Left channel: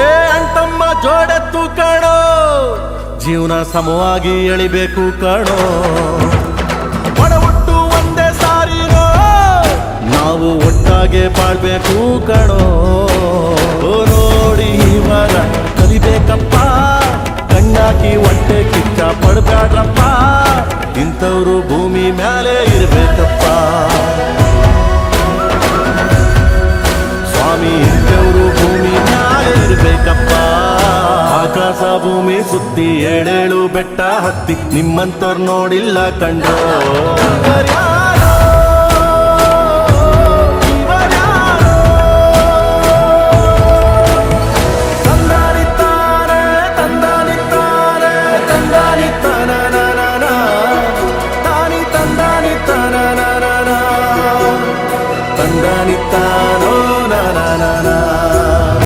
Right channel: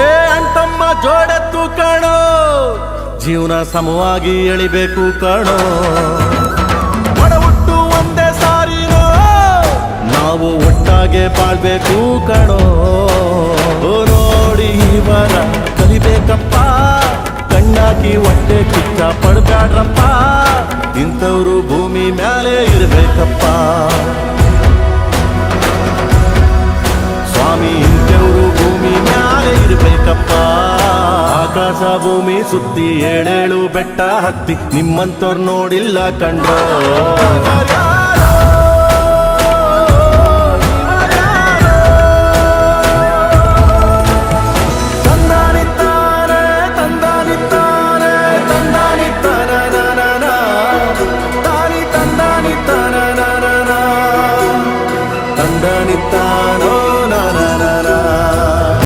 ಏ ಅಂಟಮ್ಮ ಜೋಡೆತ್ತು ಕಣೋ, ಜೀವನ ಸಮವಾಗಿ ಎಳಿಬೇಕು ಕಣೋ. ಒಡ ಹುಟ್ಟು ಒಂದೇ ಸಾರಿನೋ, ನಾವು ಒಟ್ಟಾಗೆ ಬಾಳ್ಬೇಕು ಕಣೋ. ನೋಡಿ ಇವರ ಕಲಿಬೇಕಪ್ಪ, ಕಣ್ಣಾಕಿ ಹೊಟ್ಟೆ ಕಿಚ್ಚ ಪಡ್ಬ್ಯಾಡ್ರಪ್ಪ. ಇಂಥವ್ರು ಭೂಮಿ ಮ್ಯಾಲೆ ಇರ್ಬೇಕಪ್ಪ ಸ್ವಾಮಿ, ಇಂಥವ್ರು ಭೂಮಿ ಮ್ಯಾಲೆ ಇರ್ಬೇಕಪ್ಪ. ಆಕಾಶ ಭೂಮಿ ಸುತ್ತಿ 7 ಬೆಟ್ಟ ಹತ್ತಿ ನಿಮ್ಮಂತವ್ರು ನೋಡಿಲ್ಲ ಕಂಡ್ರೋ.